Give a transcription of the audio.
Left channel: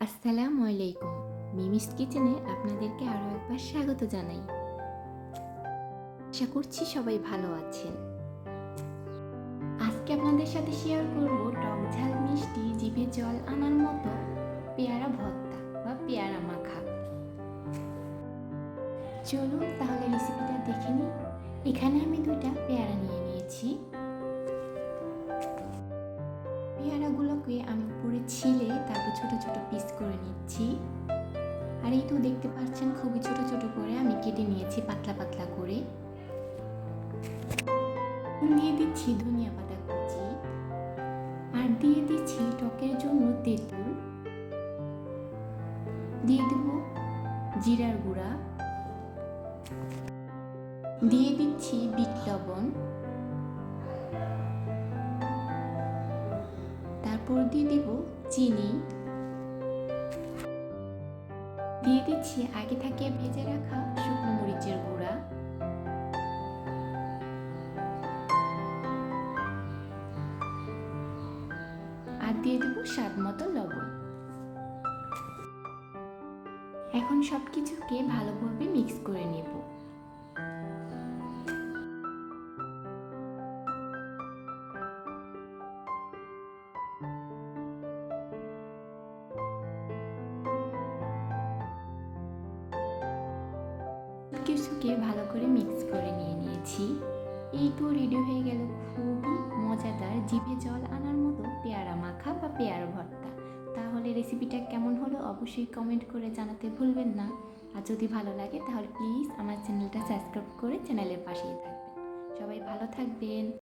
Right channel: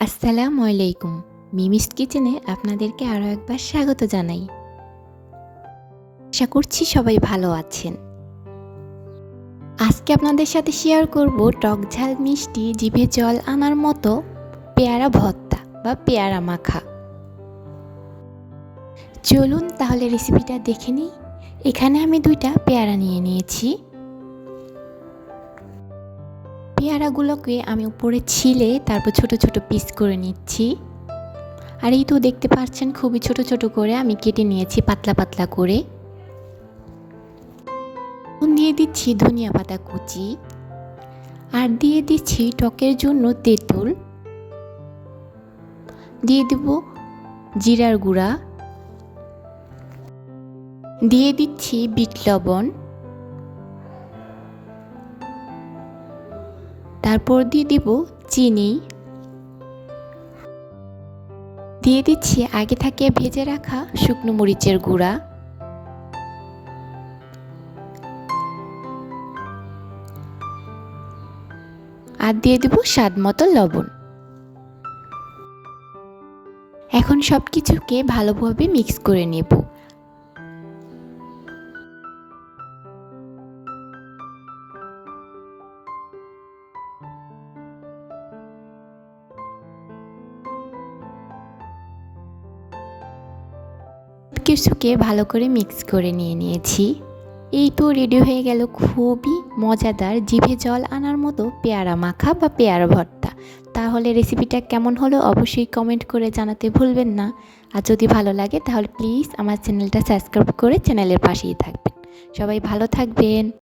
আসসালামু আলাইকুম। মিমিস কিচেনে আপনাদেরকে আরও একবার স্বাগত জানাই। আশা করছি সবাই ভালো আছেন। আজকে আপনাদের সাথে শেয়ার করব টক ঝাল মিষ্টি জিভে জল আনার মতো পেয়ারা ভর্তা বা পেয়ারা মাখা। চলুন তাহলে রেসিপিটা দেখে নিই। এখানে আমি 2টা পেয়ারা নিয়ে নিয়েছি। পেয়ারাগুলোকে আমি উপরে ছিলে তারপর ছোট ছোট পিস করে নিচ্ছি। আর এই তো দেখতে পাচ্ছেন খুবই ছোট ছোট করে আমি কেটে নিয়েছি পাতলা পাতলা করে। দিয়ে দিচ্ছি ধনিয়া পাতা কুচি আর দিয়ে দিচ্ছি টকের জন্য তেঁতুল, দিয়ে দেব জিরার গুঁড়া, দিয়ে দিচ্ছি বিট লবণ, তারপর দিয়ে দেব চিনি, দিয়ে দিচ্ছি আগে থেকে ভেজে রাখা শুকনো মরিচের গুঁড়া, আর দিয়ে দেব স্বাদ মতো লবণ। এখন সব কিছুকে ভালোভাবে মিক্স করে নেব। কিছুকে ভালো করে মিক্স করে নিয়েছি। এই তো রেডি হয়ে গেল খুবই মজাদার জিভে জল আনার মতো পেয়ারা মাখা বা পেয়ারা ভর্তা। তাহলে রেসিপিটা কেমন হলো অবশ্যই কমেন্ট করে জানাতে ভুলবেন না। আর যদি ভালো লাগে তাহলে প্লিজ আমার চ্যানেলটা সাবস্ক্রাইব করে চ্যানেলের পাশেই থাকবেন। সবাই ভালো থাকবেন।